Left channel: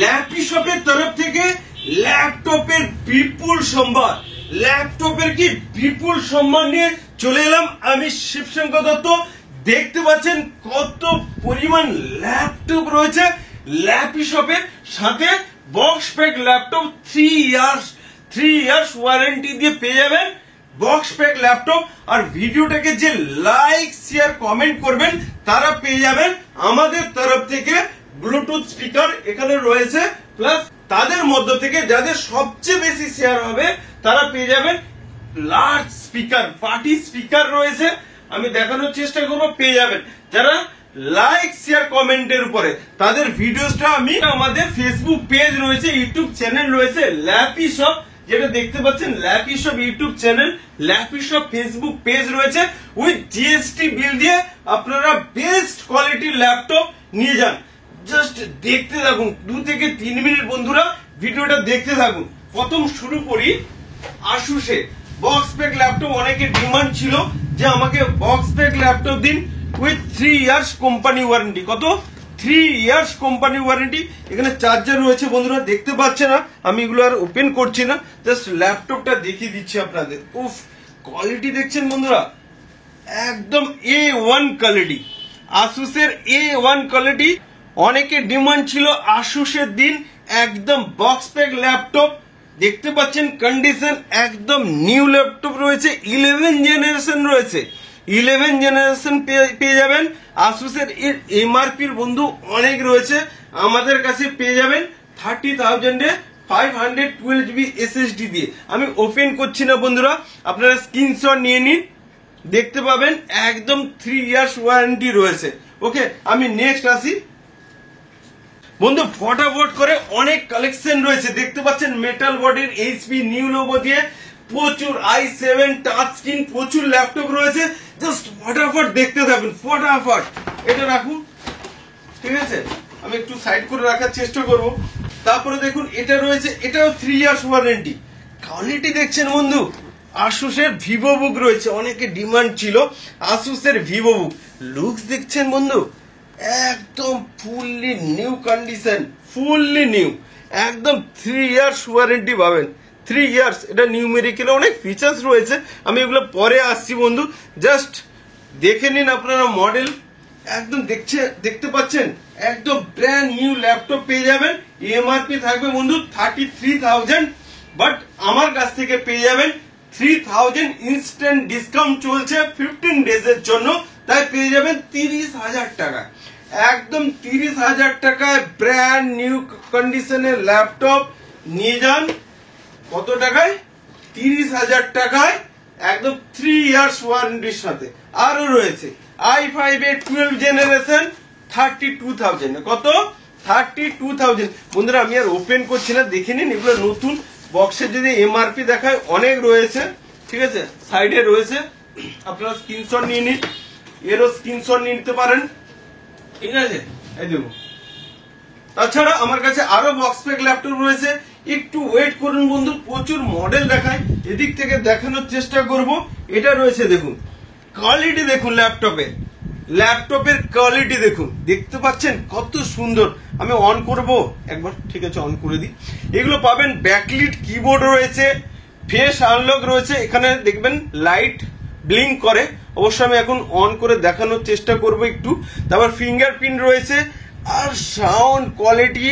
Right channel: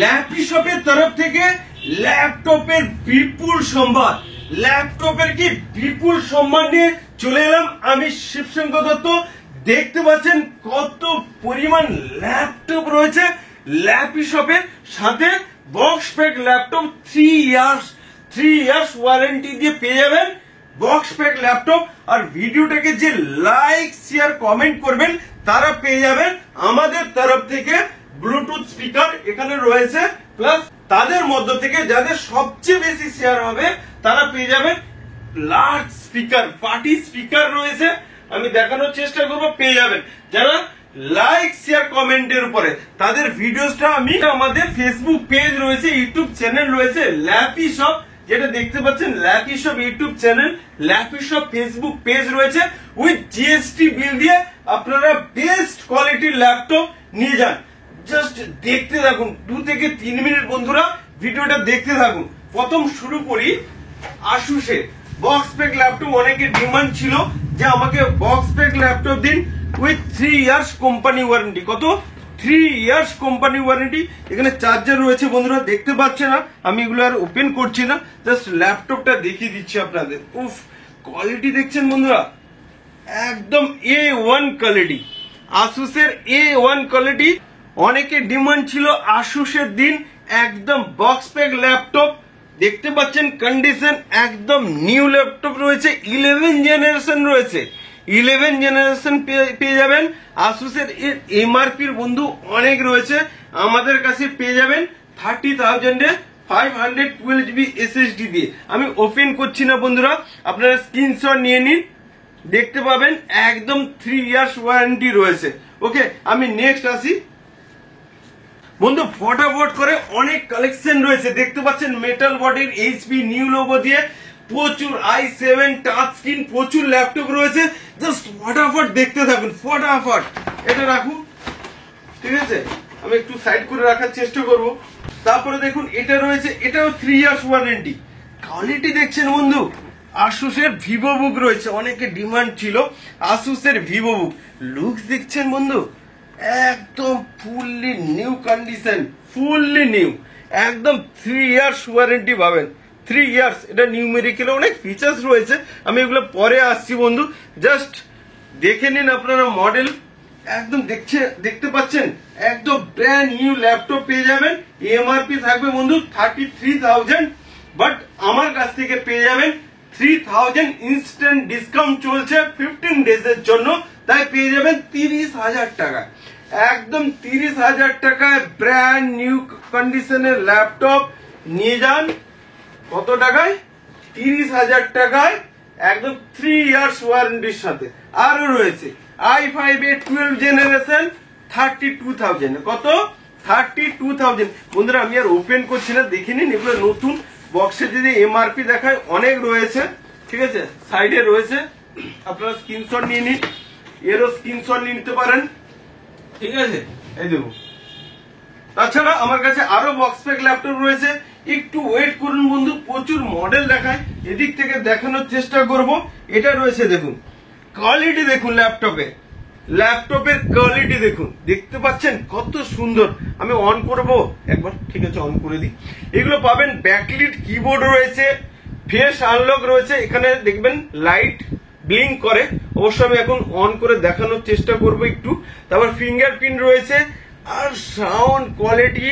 Lappy শপের তরফ থেকে ল্যাপটপের বিপুল সম্ভার, ল্যাপটপের কি বিপুল সম্মান নিয়ে চলে এলাম আমি শিবশঙ্কর দত্ত। দেখতে পাচ্ছেন কত পরিমাণ ল্যাপটপ রয়েছে ল্যাপি শপের সাথে। Box pack laptop 3 years warranty দিয়ে পেয়ে যাবেন বক্স প্যাক ল্যাপটপ। আর ভিডিওটাকে যে লাইক শেয়ার কমেন্ট করবেন তারা পেয়ে যাবেন আমাদের তরফ থেকে ব্লুটুথ স্পিকার এখানে রয়েছে, প্লাস তাদের মধ্য থেকে যাদের সবচেয়ে বেশি শেয়ার হবে তারা পেয়ে যাবেন লার্জ স্পিকার, পার্টি স্পিকার রয়েছে। আমি দেখানোর চেষ্টা করবো, পেয়ে যাবেন যারা লাইক শেয়ার কমেন্টের উপরে তাদের ভিডিওসটা আমি আমাদের ফেসবুক পেজ রয়েছে, ইউটিউব চ্যানেল রয়েছে ল্যাপি শপ, যেটা দেখতে পাচ্ছেন lappy shop YouTube channel, lappy shop Facebook page রয়েছে। উইথ জিএসটি বিল দিয়ে আপনারা বেস্ট কোয়ালিটির ল্যাপটপ নিয়ে যান। জাস্ট দেখতে থাকুন 2 থেকে 3 মিনিট বন্ধুরা, ভিডিওটা দেখতে থাকুন। প্রথম শুরু করি আসুসের বক্স প্যাক ল্যাপটপ। অনেকের ডিমান্ড ছিল যে আমাকে বক্স প্যাক ল্যাপটপ দিন উইথ 3 ইয়ার্স কোম্পানি ওয়ারেন্টি। কত? 3 ইয়ার্স কোম্পানি ওয়ারেন্টি। এখানে চার্জার রয়েছে বন্ধুরা, দেখতে পাচ্ছেন না, আমি এগুলো আর ওপেন করছি না, জাস্ট ল্যাপটপটা দেখিয়ে দিচ্ছি আপনাদের। উফ, কোয়ালিটি দেখছেন বন্ধুরা, একদম A1 কোয়ালিটি, আসুসের A1 কোয়ালিটি। অনেকের ডিমান্ড ছিল আসুসের দিন একদম বক্স প্যাক ল্যাপটপ। দেখতে পাচ্ছেন কন্ডিশন একদম নিউ ল্যাপটপ রয়েছে, 11 জেনারেশন রয়েছে, 11 জেনারেশন পেয়ে যাবেন। আসুসের এমআরপির বন্ধু অনেক রয়েছে, আমাদের কাছে পেয়ে যাবেন 30,000 এ 512 GB SSD দিয়ে। আমি ওপেন করছি না বন্ধুরা, আপনারা স্ক্রিনশট নিয়ে নিন, দেখতে পাবেন একদম 3 ইয়ার্স ওয়ারেন্টি রয়েছে। ওকে, আমি নেক্সট আসি বন্ধু। ফটাফট করে অনেক কালেকশন রয়েছে, দেখতে পাচ্ছেন মেটাল বডির এইচপি নিউ লোগো দিয়ে প্রচুর i7 টাচ স্ক্রিন, প্রচুর ল্যাপটপ রয়েছে। জাস্ট ফটাফট দেখতে থাকুন, ফটাফট। এটা রাখুন, ঠিক আছে, আমি একটু সাইড করে রাখার চেষ্টা করব। তারপরে দেখুন এটা রয়েছে, এটাও 3 ইয়ার্স ওয়ারেন্টি। কোয়ালিটি দেখছেন বন্ধু, আসুসের ভিভো বুক রয়েছে, অনেকে ডিমান্ড ছিল আসুসের ভিভো বুক। লুকস দেখছেন বন্ধু, একদম fully new condition, fully new, একদম 3 ইয়ার্স ওয়ারেন্টি পাবেন। 3 ইয়ার্স, এটা নিউমেরিক্যাল অনেক ফিচার্স রয়েছে, আমি এগুলো পরে আসছি বন্ধু। জাস্ট দেখে নিন আপনারা মডেল, একদম দেখতে পাচ্ছেন একদম ব্র্যান্ড নিউ ল্যাপটপ পেয়ে যাবেন। এমআরপি থাকবে বন্ধু 33,000, বাট আমার কাছ থেকে পেয়ে যাবেন 3,000। ইনস্ট্যান্ট ডিসকাউন্ট চলছে 15 ডেজের জন্য, তাই পেয়ে যাবেন 30,000 টাকা, একদম 30,000 টাকায় ব্র্যান্ড নিউ কন্ডিশনের ল্যাপটপ নিয়ে যান। কত টাকায়? 30,000 টাকায়, একদম 3 ইয়ার্স ওয়ারেন্টির সাথে। আরো রয়েছে i5 এর 12 জেনারেশন 32,000। কত? 32,000 বন্ধুরা। আমি আর ওপেন করছি না, দেখে নিন, এগুলো নতুন বক্সে যদি এমআরপি দেখায় অনেক রয়েছে, ঠিক আছে, সাইডে রয়েছে, আপনারা স্ক্রিনশট নিয়ে নিন, এরও স্ক্রিনশট নিয়ে নিতে পারেন, ঠিক আছে। এই দেখুন, তাছাড়া আমার কাছে আরো বক্স প্যাক ল্যাপটপ রয়েছে, একটু ওয়েট করুন বন্ধু, প্রচুর মডেল দেখায়, এদিক থেকে দেখানোর চেষ্টা করব। এটা রয়েছে, দেখুন কোয়ালিটি দেখুন, ল্যাপটপের কোয়ালিটি দেখুন, দেখতে পাচ্ছেন কত সুন্দর। আমি অন করব একবার, ঠিক আছে, অন করে দিই। এগুলো পাবেন ব্যাকলিট কিবোর্ড রয়েছে, ফেস আনলক রয়েছে, এখানে দেখবেন লাইট ব্লিঙ্ক করে, অবশ্যই আমি এখন অন করে দেখানোর চেষ্টা করব একটু। তারপর ফিঙ্গারপ্রিন্ট রয়েছে, আর সাউন্ড কোয়ালিটি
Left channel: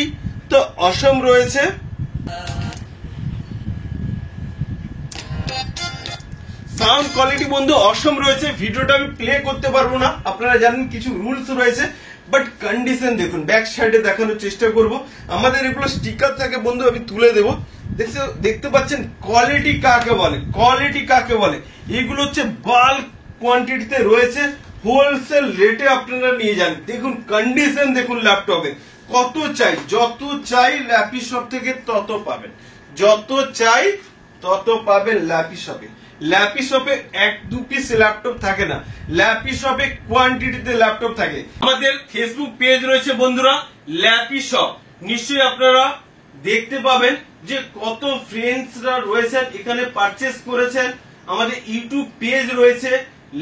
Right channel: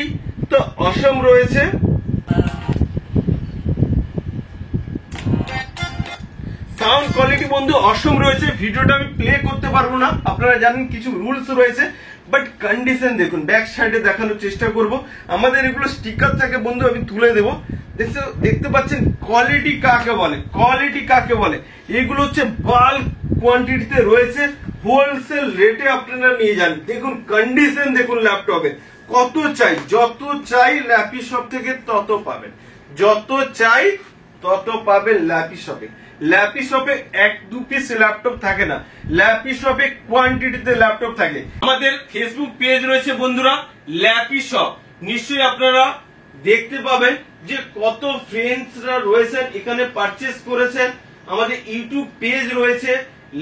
তো অসম রয়েছে। সাউন্ড কোয়ালিটি বন্ধু অসম রয়েছে। ভিডিওটা আমি প্লে করতে পারবো না, আপনারা জানেন কিছু রুলস রয়েছে, বাট কন্ডিশন দেখুন, ব্যাক সাইডে দেখানোর চেষ্টা করব। আমাদের এগুলো স্টিকার থাকে বন্ধু, আমি তুলে দেবো। দেখতে পাচ্ছেন কোয়ালিটি কাকে বলে, কোয়ালিটি কাকে বলে। এগুলো হচ্ছে বাল্ক কোয়ান্টিটিতে রয়েছে, হোলসেল রেটে আপনারা নিয়ে যান। দেখুন কন্ডিশন দেখুন ল্যাপটপে, কত চাই, যত চাই ল্যাপি শপ থেকে তত পাবেন, যত চাই তত পাবেন ল্যাপি শপে। ল্যাপি শপে 1-2 পিস ল্যাপটপ থাকে না, ল্যাপি শপে কোয়ান্টিটিতে ল্যাপটপ থাকে। আমাদের ফেসবুক পেজ রয়েছে বন্ধুরা ল্যাপি শপ, নিশ্চয়ই আপনারা দেখতে পাবেন যে কত ফ্রেন্ডসরা রয়েছেন এখানে পারচেস করেছেন। আমাদের ইউটিউব পেজ রয়েছে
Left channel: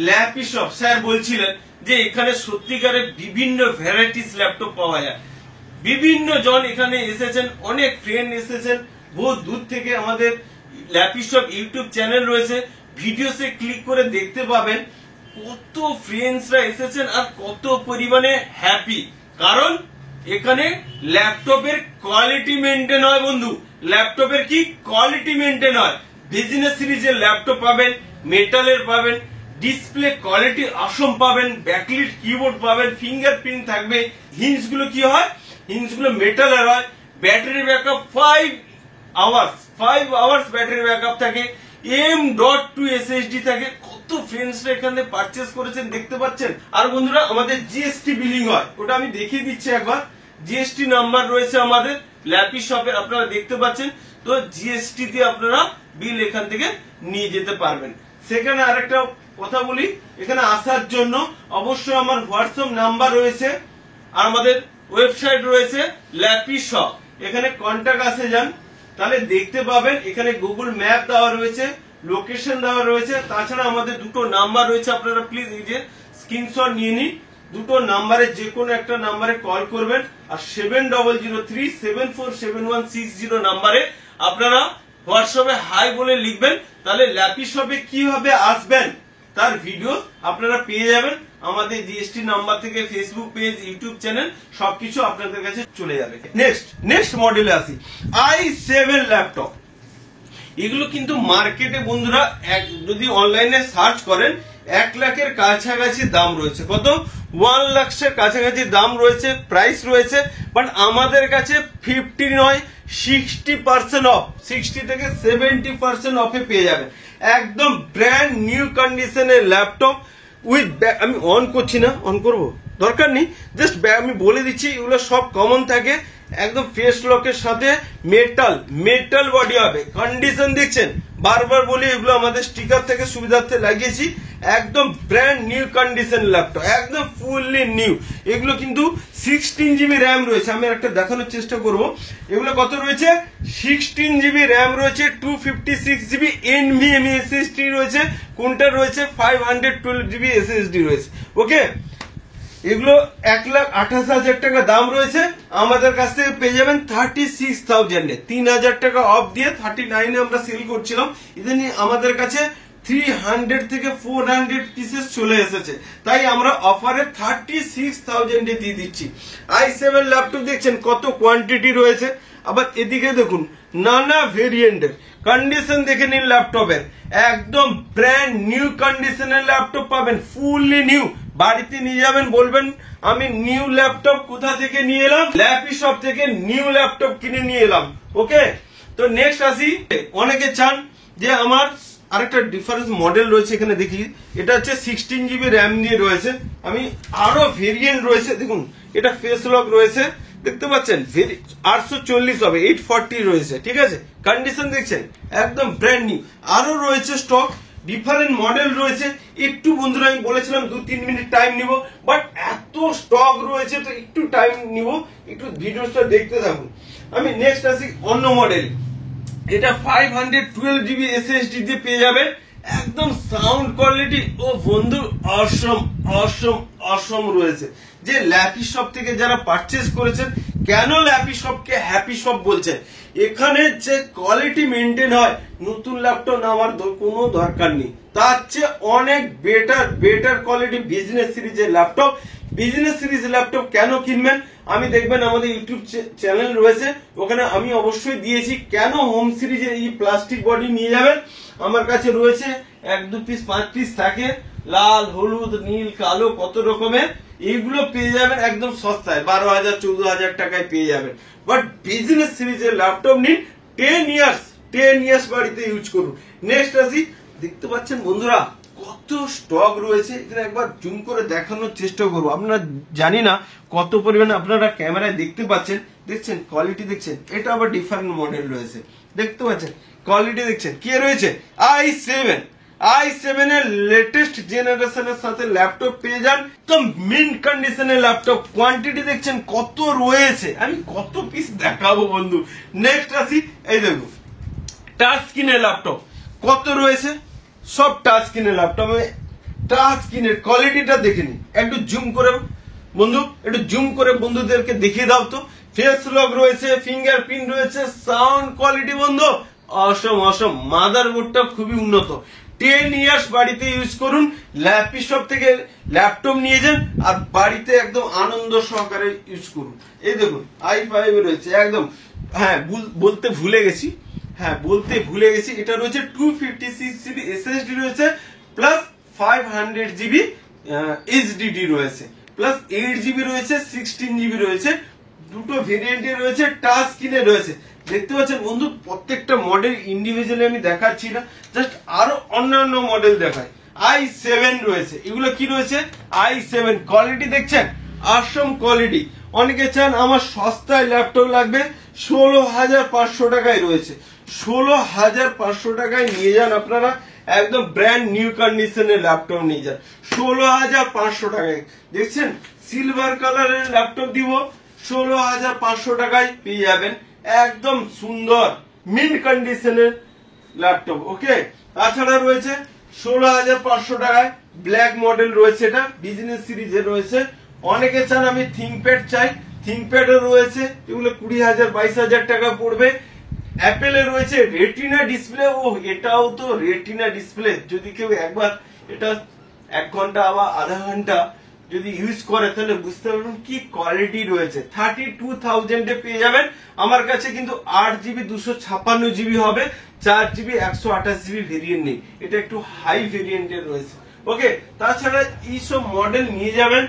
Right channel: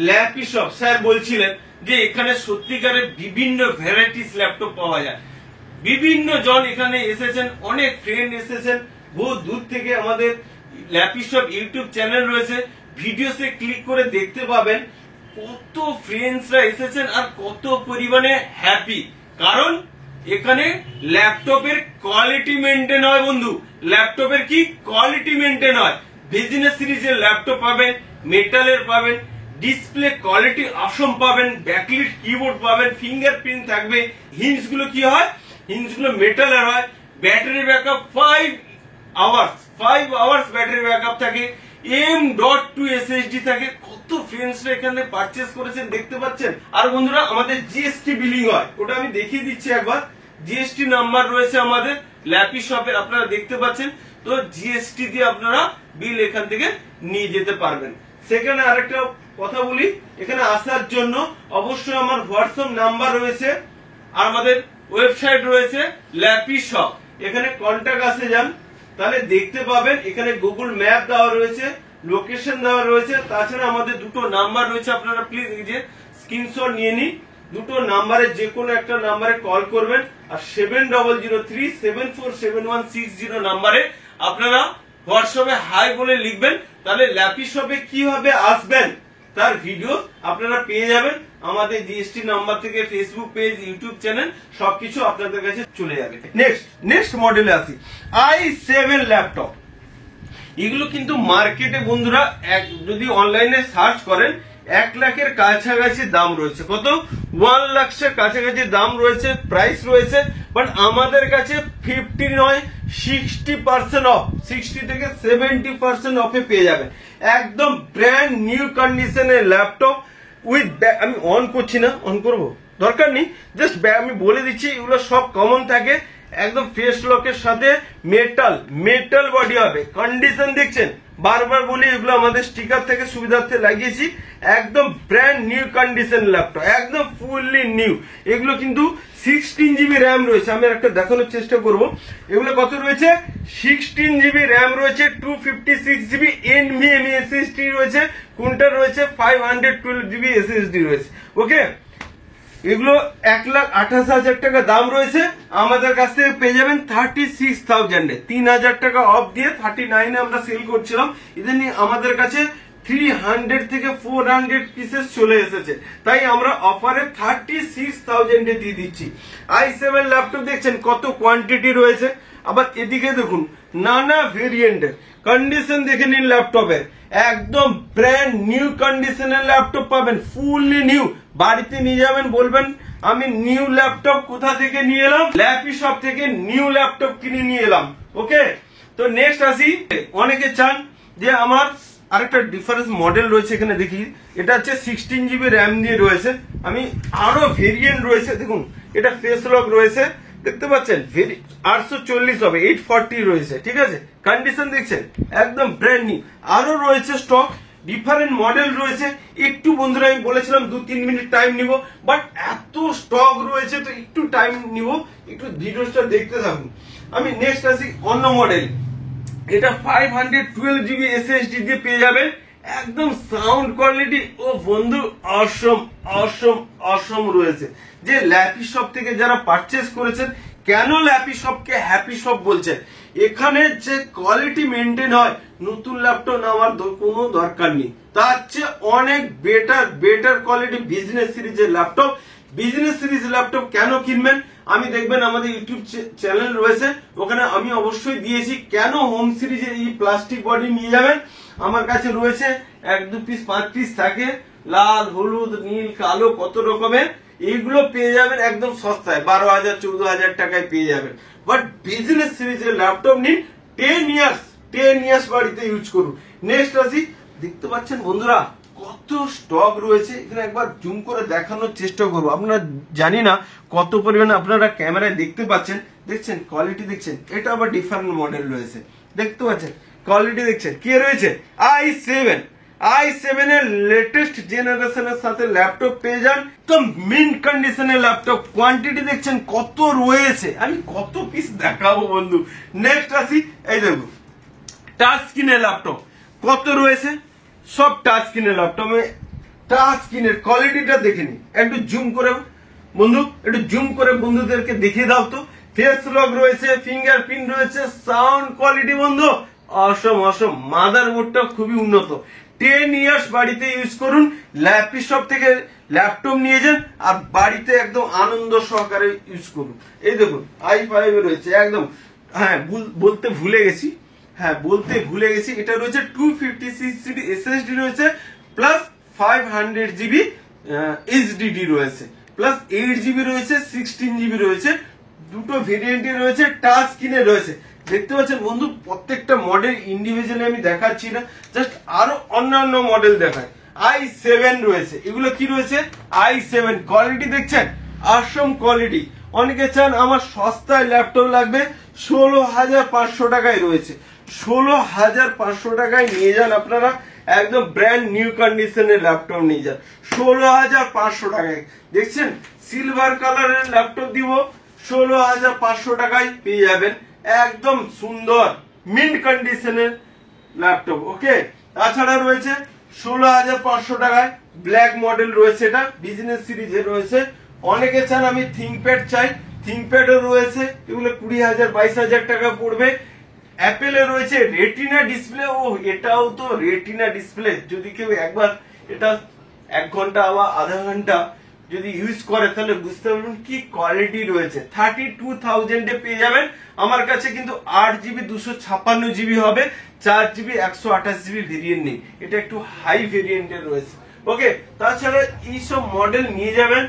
ল্যাপি শপ। স্যার বলছিলেন যে এখানে সত্যিকারের বিভিন্ন ভ্যারাইটিস ল্যাপটপ পাওয়া যায়, বিভিন্ন জন এখানে এসেছেন, অনেক ফ্রেন্ড এসেছেন বহু দূর থেকে। আমাদের ল্যাপিশপ ইউটিউব চ্যানেল রয়েছে, ভিডিওসে ক্লিক করে দেখতে পাবেন কত ফ্রেন্ডসরা এসেছেন আর কত পরিমাণে হ্যাপি। কারণ এখানে ল্যাপটপের কোয়ালিটি মেনটেন হয় বন্ধু, ল্যাপটপের কি কোয়ালিটি মেনটেন হয়। বিজনেস সিরিজের ল্যাপটপ পাবেন, মেটালের পাবেন, ডিসপ্লে কোয়ালিটি অসম পাবেন, ব্যাকলিট কিবোর্ড পাবেন, ফিঙ্গারপ্রিন্ট থাকবে। হিঞ্জ গুলো কি হয়, হিঞ্জ গুলো মেটালের হয়। Battery backup 5 hours battery backup থাকে। M.2 SSD থাকে। কত ফ্রেন্ডসরা এখানে পারচেস করেছেন দেখতে পাচ্ছেন। আর বন্ধুরা আমাদের জিএসটি বিলিং হয়, ওটা আমি দেখিয়ে দিচ্ছি একবার। জিএসটি নাম্বার রয়েছে আমাদের ল্যাপিশপে, আপনারা দেখতে পাচ্ছেন। তো জিএসটি দিয়ে আপনারা বিল এখান থেকে নিয়ে যেতে পারবেন। সেখানে আরেকটা কথা বলি, এখানে আসার জন্য অবশ্যই আমার হোয়াটসঅ্যাপ নাম্বার রয়েছে আর আমাদের ওয়েবসাইট রয়েছে ল্যাপিশপ। এখানে কন্টাক্ট আসে যান, তাহলে দেখতে পাবেন। এখানে গুগল ম্যাপ দেওয়া রয়েছে, লোকেশন দেওয়া রয়েছে। তাছাড়া আমাদের দুটো নাম্বার রয়েছে, আপনারা প্লিজ এই যে স্ক্রিনশট নিয়ে নিন। দুটো নাম্বারে যে কোনো একটা নাম্বারে কল করবেন আর 7003747160 নাম্বারে আপনারা হোয়াটসঅ্যাপে হাই বলে লিখবেন। তাহলে ল্যাপিশপে কিভাবে আসবেন তার ভিডিও আপনারা পেয়ে যাবেন। আমাদের জিএসটি নাম্বার থেকে ফেসবুক পেজ, ইউটিউব চ্যানেল সবকিছু আপনাদের কাছে চলে যাবে। নেক্সট মডেলে আসি, i7 ল্যাপটপ। এগুলো কিন্তু মার্কেটে বন্ধুরা যদি অনলাইনে সার্চ করেন 1 লাখের কাছাকাছি দাম রয়েছে। কত? 1 লাখের কাছাকাছি দাম রয়েছে, প্রাইস রয়েছে। বাট আমাদের কাছে 50 নয় 60% অফ, 60 থেকে 70% অফে পেয়ে যাবেন। একদম ব্র্যান্ড নিউ কন্ডিশনের ল্যাপটপ উইথ ব্যাগ। আমি অন করছি না, অন করব দরকার নেই, জাস্ট আমি বলে দিচ্ছি এগুলো সব কমন থাকে। একদম ফেস লকের সাথে মেটাল বডি হবে। কন্ডিশন দেখছেন, বারবার বলি এগুলো আমাদের স্টিকার থেকে সুবিধার্থে লাগিয়েছি। একদম ব্র্যান্ড নিউ কন্ডিশন ল্যাপটপ, একদম ফুললি নিউ। এগুলো কিন্তু 16 জিবি র্যাম রয়েছে। আমি একটা দেখানোর চেষ্টা করব। এগুলো কত রয়েছে? 16 জিবি র্যাম রয়েছে, 256 জিবি NVMe SSD রয়েছে, কোনটা রয়েছে 512 জিবি SSD রয়েছে। ওকে, এগুলো 1,28,000 টাকা দাম রয়েছে। আমাদের কাছ থেকে পেয়ে যাবেন 36,000 এ, 3,000 টাকা অফ দিয়ে 39 আমরা সেল করছিলাম। ইদানি আমাদের কাছে 300 থেকে 400 পিসেস চলে এসেছে, তাই আমরা অফারে 36,000 এ দিয়ে দিচ্ছি। i7 ল্যাপটপ দেখছেন কত কোয়ান্টিটি রয়েছে। আবার এদিকে দেখুন নানা ভেরিয়েন্টের কন্ডিশন দেখে নিন ল্যাপটপের। একদম ব্র্যান্ড নিউ কন্ডিশনের ল্যাপটপ পাবেন, ফুললি নিউ। বাড়িতে নিয়ে যাবেন, বলবেন আমি নিউ ল্যাপটপ কোথা থেকে নিয়ে এলাম, ল্যাপিশপ থেকে নিউ ল্যাপটপ কিনে নিয়ে এলাম। ওকে, তো নেক্সট আসি। অনেকে চান যে আমার আরেকটা ডিফারেন্স মডেল রয়েছে, এখানে দেখি এটা হচ্ছে 16 জিবি র্যাম দিয়ে রয়েছে। আমি আরো ভেরিয়েন্ট রয়েছে, দেখুন এটা ফেস লক রয়েছে, দেখতে পাচ্ছেন 840 হবে, 840 রয়েছে। ঠিক আছে, কন্ডিশন দেখছেন একদম ব্র্যান্ড নিউ। আরো রয়েছে স্টক, ডিফারেন্ট মডেল রয়েছে। একটু বন্ধুরা আমি বলেছিলাম 2-3 মিনিট টাইম নিব, বাট এত স্টক রয়েছে তো একটু টাইম নিব, একটু ভিডিওটা দেখতে থাকুন। আমি নেক্সট আসি অন্য মডেল। এটা 512 জিবি SSD দিয়ে পেয়ে যাবেন। একদম সাউন্ড কোয়ালিটি ও বন্ধু অসম রয়েছে। যে ল্যাপিশপ থেকে যারা পারচেস করেছেন, কেন ল্যাপিশপকে হ্যাপি শপ বলছেন, এখানে যে কোয়ালিটি মেনটেন হয়, নতুন ল্যাপটপ নেওয়ার কোনো দরকার নেই। তার চেয়ে অনেক বেটার কোয়ালিটি বিজনেস সিরিজের ল্যাপটপ। বিজনেস সিরিজ ল্যাপটপ কেন কিনবেন, আমি দেখবেন আমাদের ইউটিউব চ্যানেল রয়েছে, ওখানে আমি অবশ্যই দিয়েছি কেন হোম সিরিজের এই প্লাস্টিক বডি নিয়ে যাবেন। আমার কাছে রয়েছে 1-2 পিস 5 পিস থাকে, লাল, হলুদ, নীল, কালো, কত রকমের। এইগুলো পেয়ে যাবেন একদম সস্তায়, 12,000-14,000 টাকায় পেয়ে যাবেন। বাট বিজনেস সিরিজের ল্যাপটপ নিন, 10 ইয়ার্স বাড়িতে ইউজ করুন। নেক্সট আসি, দেখতে পাচ্ছেন বন্ধুরা কত স্টক রয়েছে। এখানে একবার জুম করে দেখানোর চেষ্টা করবো। আপনারা জানি না কত পরিমাণে আপনারা ক্যামেরায় দেখতে পাচ্ছেন, দেখছেন কোয়ালিটি দেখছেন। এটা আবার ডিফারেন্ট মডেল রয়েছে, দেখতে পাচ্ছেন কোয়ালিটি দেখছেন কি রয়েছে। i7 এর লেটেস্ট জেনারেশনের সাথে ল্যাপটপ পেয়ে যান, তো মিন্ট কন্ডিশনের ল্যাপটপ। কোয়ান্টিটি দেখছেন কত রয়েছে, আমি কত পিস দেখাবো বন্ধু। নেক্সট আসি, এই দেখো টাচ স্ক্রিনের ল্যাপটপ কত রয়েছে, সব টাচ স্ক্রিনের ল্যাপটপ। টাচ স্ক্রিনের কোয়ালিটিটা দেখে নি, একটু জুম করে বন্ধু, একটু জুম করে বন্ধুদেরকে দেখিয়ে দাও তো ফেস লক রয়েছে, ফিঙ্গারপ্রিন্ট রয়েছে, সাউন্ড কোয়ালিটি বন্ধু অসম অসম। মাদারবোর্ডটা খুবই উন্নত। 10 ইয়ার্স বাড়িতে ইউজ করুন, ল্যাপটপ থেকে ল্যাপটপ নিয়ে যান আর বাড়িতে একদম আনন্দ সহকারে ইউজ করুন। এই দেখুন i5 রয়েছে একদম। হ্যাঁ বলতে ভুলে গেছি, এটা রয়েছে 256 জিবি SSD রয়েছে, প্লাস 500 জিবি HDD রয়েছে, প্লাস 8 জিবি রয়েছে, 16 জিবি রয়েছে, দুটো ভেরিয়েন্টে রয়েছে, টাচ স্ক্রিনে রয়েছে। দেখতে পাচ্ছেন বন্ধু প্রত্যেকটা মডেল ইন্ডিভিজুয়ালি আমি দেখাচ্ছি না, জাস্ট আরো অন্যান্য মডেল দেখাই। i7 রয়েছে, এগুলো কি রয়েছে i7 কোয়ালিটি দেখছেন, অসম কোয়ালিটি। অনেকে চান আমার সস্তায় ল্যাপটপ লাগবে, 16,500 টাকায় রয়েছে। 16,500 টাকায় নিয়ে যান আপনারা, একদম ব্র্যান্ড নিউ কন্ডিশনের ল্যাপটপ নিয়ে যান 16,500 টাকায়। দেখছেন সিলভার কালারের ল্যাপটপ দিব 16,500 টাকায় পেয়ে যাবেন, একদম সুন্দর মিন্ট কন্ডিশনের ল্যাপটপ। ওকে, তাছাড়া রয়েছে 16,500 টাকায় ব্ল্যাক মডেল রয়েছে, এটা বিজনেস সিরিজের রয়েছে। অনেকে চান আমি থিংকপ্যাড চাই, থিংকপ্যাডও রয়েছে, এগুলো 20,000 22,000 টাকা পড়বে। অ্যাপেলে রয়েছে রেটিনা ডিসপ্লে, ও এটাও তো রেটিনা ডিসপ্লে, যদি কেউ একবার এটা 1 ঘন্টা বা আধা ঘন্টা যদি ইউজ করে তাহলে বুঝতে পারবেন কি কোয়ালিটি রয়েছে। 32,000 এ পেয়ে যাবেন। আমার কাছে কিন্তু 8GB 256 জিবি হবে, 4GB 128 জিবি ভেরিয়েন্ট নেই, এটা একটু হাই ভেরিয়েন্টের রয়েছে। ওকে, তাছাড়া এইসব মডেল নিয়ে যাবেন।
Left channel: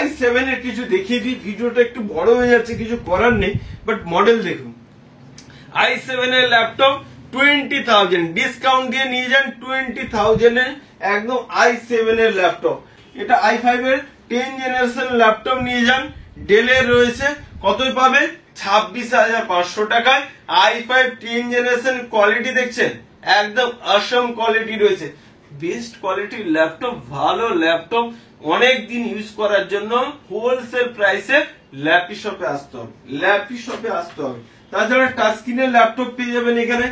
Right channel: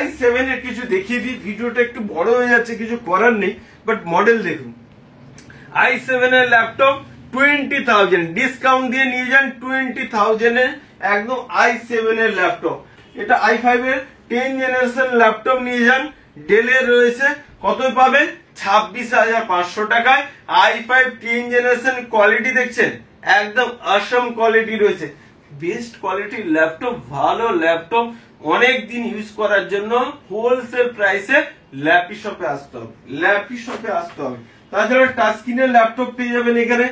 i7 এর কিছু দেখিয়ে দিই, ভিডিওটা একটু বড় হয়ে যাচ্ছে, কিছু করার নেই, বাট মডেল দেখুন। i7 এর ল্যাপটপ 20,000 ডিসকাউন্ট দিয়ে নিয়ে যান, 20,000 এ একদম i7 এর ল্যাপটপ। এটা i5 এর 10 জেনারেশন ল্যাপটপ নিয়ে যান, ডেলের রয়েছে, কতই পাবেন 26,500 টাকায়। i5 10 জেনারেশন কোয়ালিটি দেখছেন, একদম অসম কোয়ালিটি রয়েছে, বেস্ট কোয়ালিটির ল্যাপটপ, ভালো ল্যাপটপ, অনেক দিন ইউজ করার জন্য হোলসেল প্রাইসে ল্যাপটপে আসতে হবে। তাছাড়া টাচ স্ক্রিনের ল্যাপটপ পেয়ে যাবেন এখানে।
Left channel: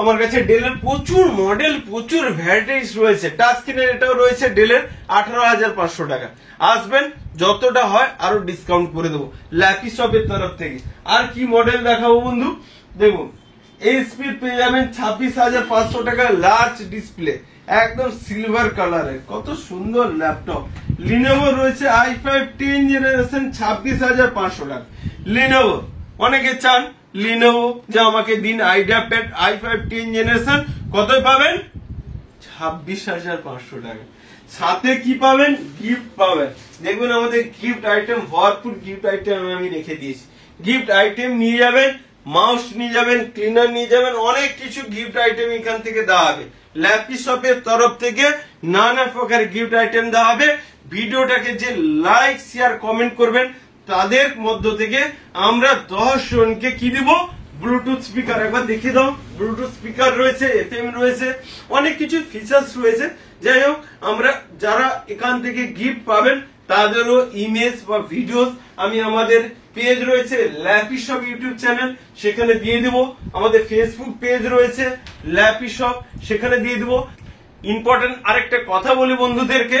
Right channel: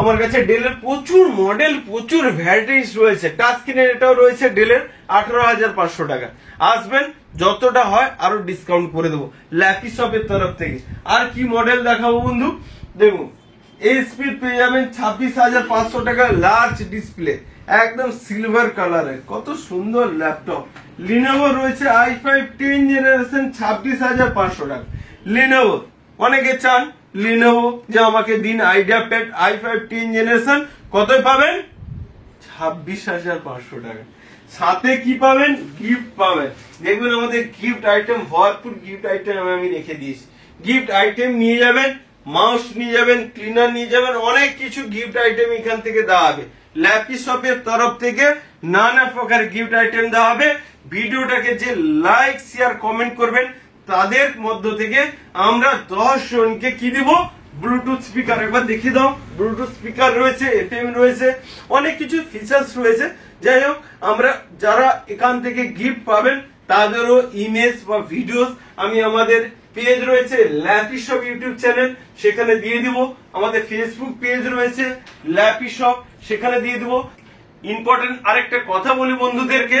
আমার কাছে ডেলের প্রচুর মডেল, প্রচুর ভ্যারাইটিস রয়েছে। টাচ স্ক্রিনের এটাও রয়েছে ডেলের 18,500 টাকা। আসবেন, যতটা হয় আরো ডিসকাউন্ট করে দেবো ল্যাপটপের তরফ থেকে। আর কি মডেল দেখাবো বন্ধু, দেখুন এইচপি পেয়ে যাবেন 26,500 টাকা, লার্জ ডিসপ্লে, একদম সিলভার কালারের, কত সুন্দর ল্যাপটপ। লিনোভো রয়েছে i5 10 জেনারেশন 26,500 টাকা। লিনোভো অনেকে চান লিনোভো যে আমাকে দিন আইডিয়া প্যাড i5 10 জেনারেশন, কতই পাবেন 26,500 টাকা। সাথে কি পাবেন, গিফট পাবেন। দেখুন আমাদের গিফট আইটেম, ভরপুর গিফট আইটেম আমি রেখে দিয়েছি। গিফট আইটেম নিয়ে যাবেন, মাউস নিয়ে যাবেন, ক্লিনার নিয়ে যাবেন, অনেক কিছু গিফট আইটেম এখান থেকে দেওয়া হবে। ল্যাপটপের তরফ থেকে নানা প্রকার গিফট আইটেম দেওয়া হবে। ভিডিওটাকে যে লাইক শেয়ার কমেন্ট করবেন তাদের মধ্য থেকে আমরা 10 জনকে কি দিব, ব্লুটুথ স্পিকার। একবার দেখিয়ে দাও, ব্লুটুথ স্পিকার রয়েছে, FM রয়েছে, অনেক কিছু ফিচার্স রয়েছে। যাই হোক, আমরা যারা এখান থেকে গিফট পাবেন তাদেরও ইমেজ বা ভিডিওস আমি আমাদের পেজ রয়েছে ল্যাপটপ ইউটিউব চ্যানেল, সেখানে দিয়ে দিব। আমাদের ফেসবুক পেজ রয়েছে ল্যাপটপ, সেখানে দিয়ে দিব। ইম্পর্টেন্ট আরেকটা কথা বলি বন্ধুদেরকে,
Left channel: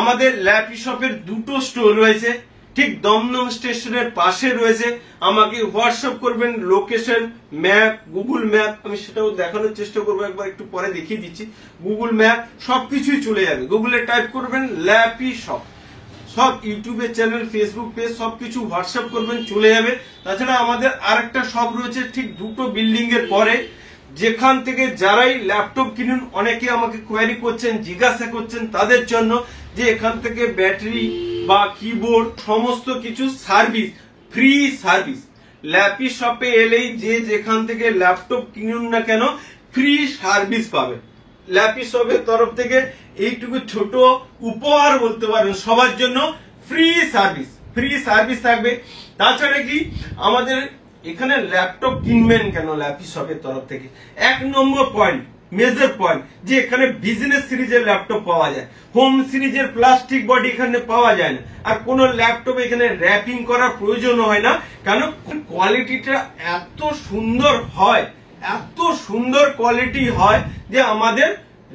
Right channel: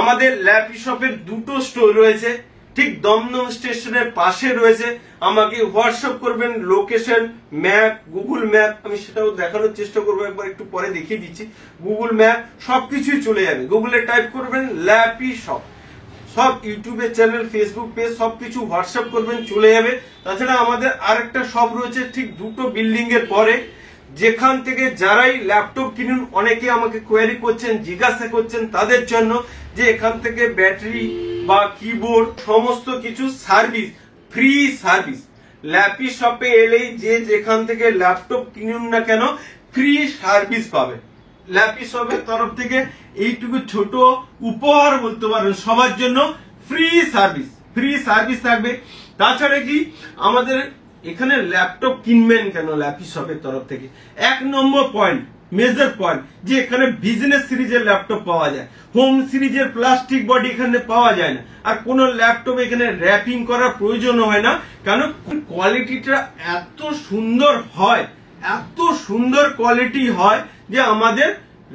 আমাদের ল্যাপটপের দুটো স্টোর রয়েছে, ঠিক দমদম স্টেশনের পাশে রয়েছে। আমাকে হোয়াটসঅ্যাপ করবেন লোকেশন, ম্যাপ, গুগল ম্যাপ, আমি সেটাও দেখানোর চেষ্টা করবো, একবার একটু পরে দেখিয়ে দিচ্ছি। গুগল ম্যাপ সবকিছুই চলে যাবে, গুগলে টাইপ করবেন ল্যাপটপ, সব ইউটিউবের চ্যানেল, ফেসবুক পেজ সবকিছু হোয়াটসঅ্যাপ করবেন, চলে যাবে। তাছাড়া আমাদের আরেকটা শপ রয়েছে ঠিক দুটো বিল্ডিং এর পরে, যেখান থেকে যারাই ল্যাপটপ কিনুন, অনেকে আমাকে কোয়ারি করছেন, জিজ্ঞাসা করছেন তাদের জন্য যে এখান থেকে ব্যাটারি বা কিবোর্ড সমস্ত কিছু সার্ভিস, ফ্রি সার্ভিস। ল্যাপটপে এলেই যে যেখান থেকে ল্যাপটপ কিনুন না কেন ফ্রি সার্ভিস পাবে। ল্যাপটপের তরফ থেকে এইটুকু ছোট উপহার বলতে পারেন সবার জন্য, ফ্রি সার্ভিস থাকবে। তাছাড়া কি আমাদের এখানে ল্যাপটপ কিনবেন কেন ল্যাপটপের তরফ থেকে, 1 নম্বর পয়েন্ট, মেজর পয়েন্ট, যে এখানে বিজনেস সিরিজের ল্যাপটপ পাওয়া যায়, হোম সিরিজের প্লাস্টিক বডি এখানে পাওয়া যায় না। আর কোন ল্যাপটপ এখানে র্যাপিং করার প্রয়োজন হয় না, কারণ কোয়ালিটিটা এত সুন্দর হয়, এত সুন্দর কোয়ালিটি হয় যে আমাদের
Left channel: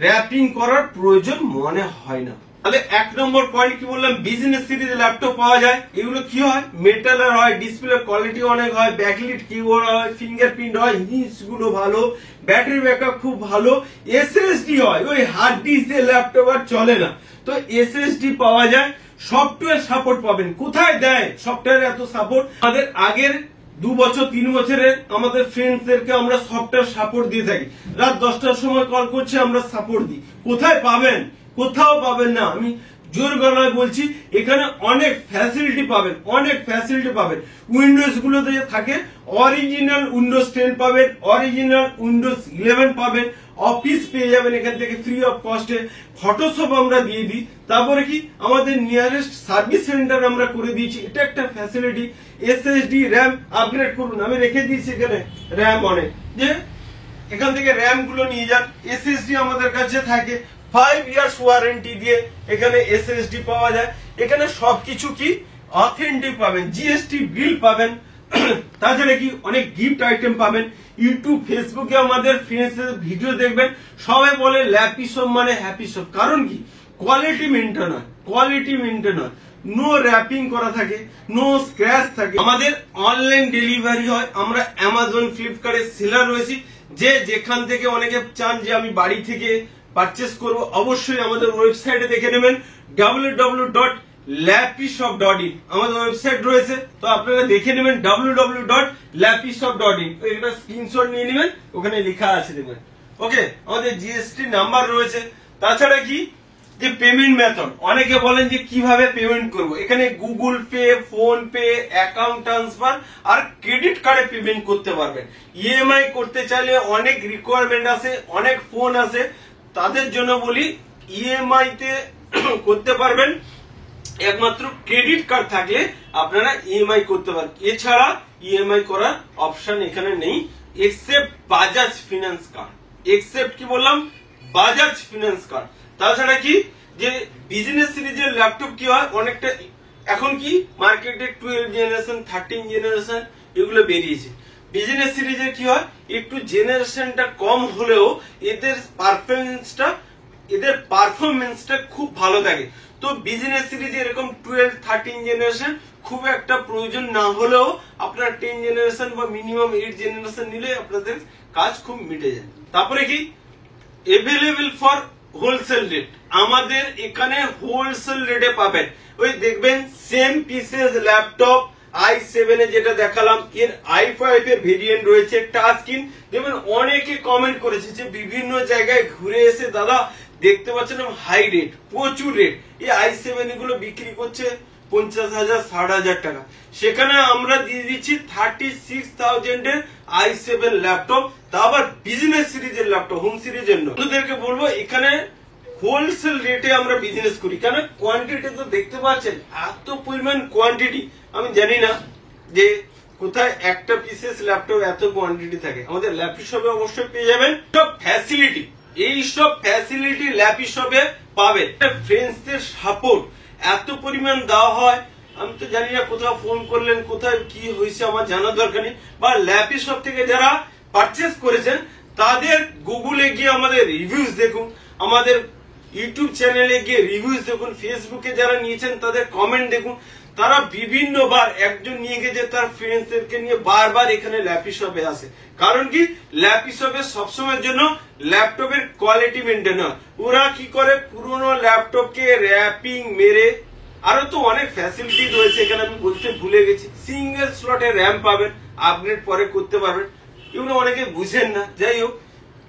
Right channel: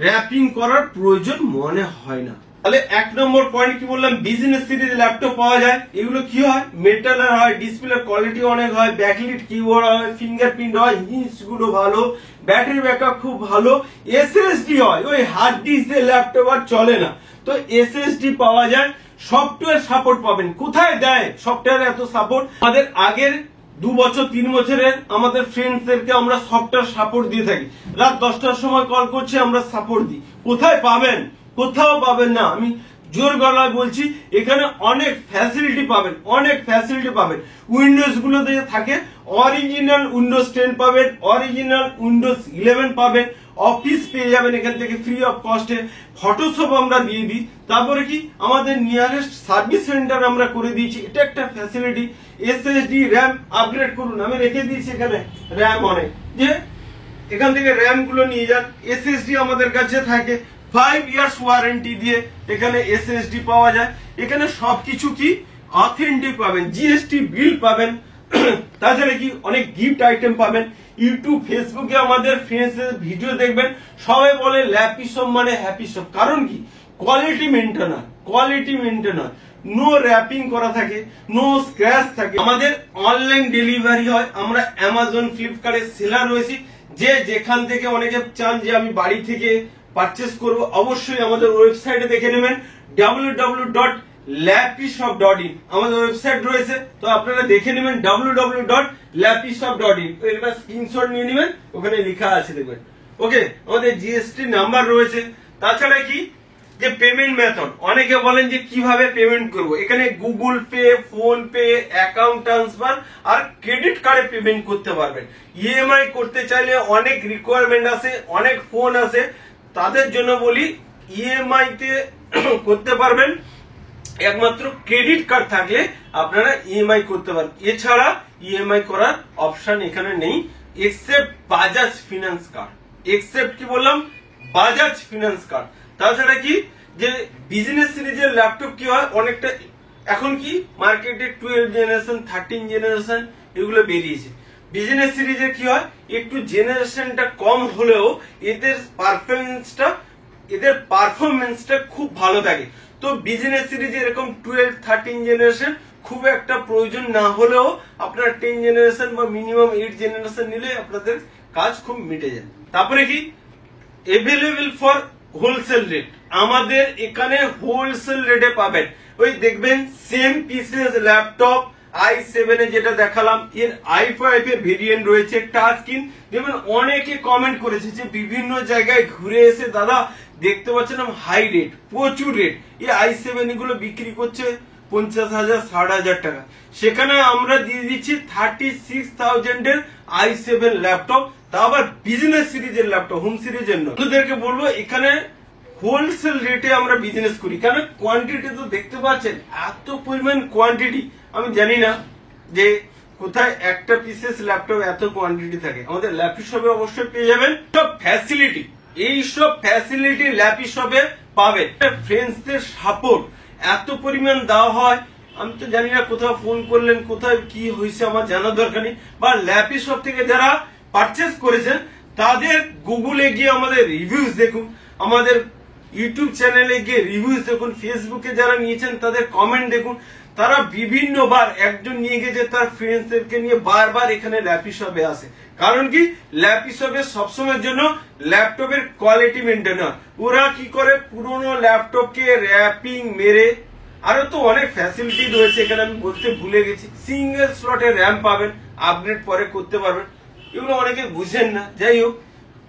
র্যাপিং করার প্রয়োজন মনে হয় না। তাহলে 1 নম্বর পয়েন্ট কি বললাম, বিজনেস সিরিজ ল্যাপটপ পাওয়া যায়। এগুলো কি হয়, মেটালের হয়, ডিসপ্লে কোয়ালিটি অনেক হয়, ব্যাকলিট কিবোর্ড হয়, ফিঙ্গারপ্রিন্ট হয়, হিঞ্জ গুলো ভালো, ব্যাটারি ব্যাকআপ খুব ভালো, এসএসডি হয়। ওই হার্ড ডিস্কের ল্যাপটপ আর চলে না, তো এসএসডি পাওয়া যায়। সফটওয়্যার সাপোর্ট পাবেন। কোথায় দেয় সফটওয়্যার এত সাপোর্ট? আমাদের আগের 2 বছর 3 বছরের আমাদের ফ্রেন্ডসদেরকে আমরা সফটওয়্যার সাপোর্ট দিয়ে থাকি। রাত 10টার সময় কল করছে, আমরা সাপোর্ট দিই। কোথায় পাবেন? কোথাও পাবেন না। আমি জোর গলায় বলছি, এখানে অনেক ফ্যাসিলিটি পাবেন, অনেক ফ্যাসিলিটি পাবেন। উইন্ডোজ গুলোতে যে থাকে, অরিজিনাল উইন্ডোজ 10 পাবেন, অরিজিনাল উইন্ডোজ 11 পাবেন, অফিস পেয়ে যাবেন এখান থেকে ফ্রি অফ কস্টে। ফটোশপ আমরা দিয়ে দিই। তারপরে কি, আমাদের নিয়ারেস্ট সার্ভিস সেন্টার আমরা করে দিয়েছি, এটা একটা ফ্যাসিলিটি। এসএসডি র্যাম আপগ্রেড করুন, আমি রেখে দিয়েছি এখানে র্যাম অনেক, যে এখান থেকে র্যাম গুলো নিয়ে যান। এসএসডি আমাদের কাছে থাকে 5 ইয়ার্স ওয়ারেন্টি দিয়ে এখানে এসএসডি পাওয়া যায়। এখানে সবকিছু কি অথেন্টিক পাবেন, জিএসটি বিল পাবেন। তাছাড়া কি অনেক গিফট আইটেম পাবেন। ইউটিউব ফেসবুকে আমাদের ফ্রেন্ডসের ভিডিও দেখবেন, সবাই বলে ল্যাপিসপ মানে হ্যাপিসপ। কারণ কি, কোয়ালিটি মেনটেন হয়, কোয়ালিটি মেনটেন হয়, নো র্যাপিং করা থাকে, নো স্ক্র্যাচ থাকে। আমাদের অনলাইন ডেলিভারি হয়। আমরা অ্যামাজন ফ্লিপকার্টের সেলার রয়েছি। যে যেখান থেকে অনেকে চান যে আমি বাড়ি থেকে পারচেস করব, অবশ্যই আমাদের ওয়েবসাইটে দেখে নেবেন www.lapishop.in আমাদের ওয়েবসাইট রয়েছে, তো আপনারা দেখে নেবেন www.lapishop.in। এটা স্ক্রিনশট নিয়ে নেবেন, ওখানে লেখা আছে দেখবেন। ওকে, আমাদের জিএসটি নাম্বার রয়েছে। তাছাড়া কি, যে পেমেন্ট মেথড, অনেকে বলেন যে কিভাবে পেমেন্ট করব। এখানে Google Pay, PhonePe, account transfer আর ক্রেডিট কার্ডে পেমেন্ট করতে পারবেন। ইএমআই করতে চাইলে অনেক রিকোয়ারমেন্ট আছে, অনেক ফোন আছে, তাদের জন্য বলি ইএমআই তে করতে পারবেন। একমাত্র ক্রেডিট কার্ড থাকলে আপনারা ইএমআই করতে পারেন। এছাড়া ইএমআই করার অপশন এখানে নেই, except Bajaj finance card. Except কি বললাম, বাজাজ ফিনান্স কার্ড। তাছাড়া কি, যে বিজনেস সিরিজের ল্যাপটপ কি হয়, অনেকটা এখন কি মার্কেটে 12 জেনারেশন 13 জেনারেশন এগুলো বেরিয়েছে। বিজনেস সিরিজের কি হয়, একটু জেনারেশনটা কম হলেও এদের পারফরমেন্সটা খুব ভালো থাকে। তো বিজনেস সিরিজে এরকম 12 13 জেনারেশন খুব একটা প্রয়োজন না হলেও আপনারা 10 জেনারেশন বা মিনিমাম 8 জেনারেশন নিলে আপনাদের কাজ খুব মিটে যায়। তারপরে কি, এভেলেবল ফর হোলসেল রেট, আমাদের এখানে হোলসেল রেটে পাবেন। ওই দেখবেন সেম পিসেস ল্যাপটপ i7 এ যেটা দেখালাম, এর i5 এ ভেরিয়েন্ট রয়েছে, টাচ স্ক্রিন। দেখবেন অনেকে কমেন্ট করেছে যে বিভিন্ন জায়গায় ঘুরে এসে দাদা দেখতে পাচ্ছেন হাই রেট, প্রচুর রেট। এই i7 গুলো বিক্রি করছে 50,000 60,000 টাকা, সেখানে আমরা দিয়ে দিচ্ছি 36,000 এর i7 ল্যাপটপ, তা আবার বিজনেস সিরিজের ল্যাপটপ, হোম সিরিজের নয়। তোদেরকে বলবো এখানে হোলসেল রেটে আমরা বিজনেস করি, কেন কোয়ান্টিটি তো দেখতে পাচ্ছেন, এত পরিমাণ কোয়ান্টিটি। আমি জানি না যে কোথায় একটা পিসেস ল্যাপটপ এত কোয়ান্টিটি থাকে। আমাদের ল্যাপটপে অবশ্যই পেয়ে যাবেন সব ফ্যাসিলিটি, এই সব ফ্যাসিলিটি ল্যাপটপে পাবেন। ফ্রেন্ডসদের সাপোর্ট এত পরিমাণ দেওয়া হয়, আমি তো জানি না কোথাও ফোন করলেন কোথায় কি হয়েছে আমার জানার দরকার নেই। বা ল্যাপটপ থেকে যারা পারচেস করেছেন তাদের গুগলে গিয়ে আমাদের রিভিউজ দেখুন, আমাদের ইউটিউব চ্যানেলে গিয়ে রিভিউজ দেখুন, ফেসবুকে যারা নিয়েছেন তাদের কমেন্ট দেখুন। তারা বিভিন্নবার, একজন নিয়ে গেছে তার ফ্রেন্ডসদেরকে নিয়ে বারবার এখানে ল্যাপটপে আসে। কারণ কি, ল্যাপটপে সবসময়ের জন্য ল্যাপটপের কোয়ালিটি মেনটেন হয়। ওরা কি করে, পুরোনো ল্যাপটপকে র্যাপিং মেরে, আরো তো অনেক ফ্যাসিলিটি রয়েছে এখানে, আমি বলতে ভুলে গেছি। সিঙ্গেল স্লটে র্যাম পাবেন, আপগ্রেড পরে করতে পারবেন, এগুলো অনেকে বুঝেন না। যাই হোক,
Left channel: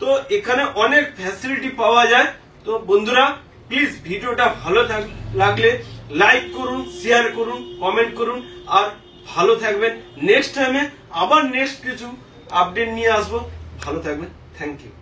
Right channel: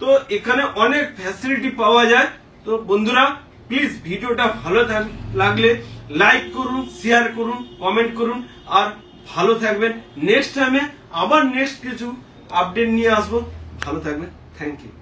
তো এখানে অনেক ফ্যাসিলিটি পাওয়া যায়। তো বন্ধুরা প্লিজ ভিডিওটা ভালো লাগলে লাইক করুন, শেয়ার করুন, কমেন্ট করুন, আর ভালো থাকবেন। নেক্সট টাইমে আবার নেক্সট কিছু আপডেট নিয়ে আসবো। ভালো থাকবেন, থ্যাংক ইউ।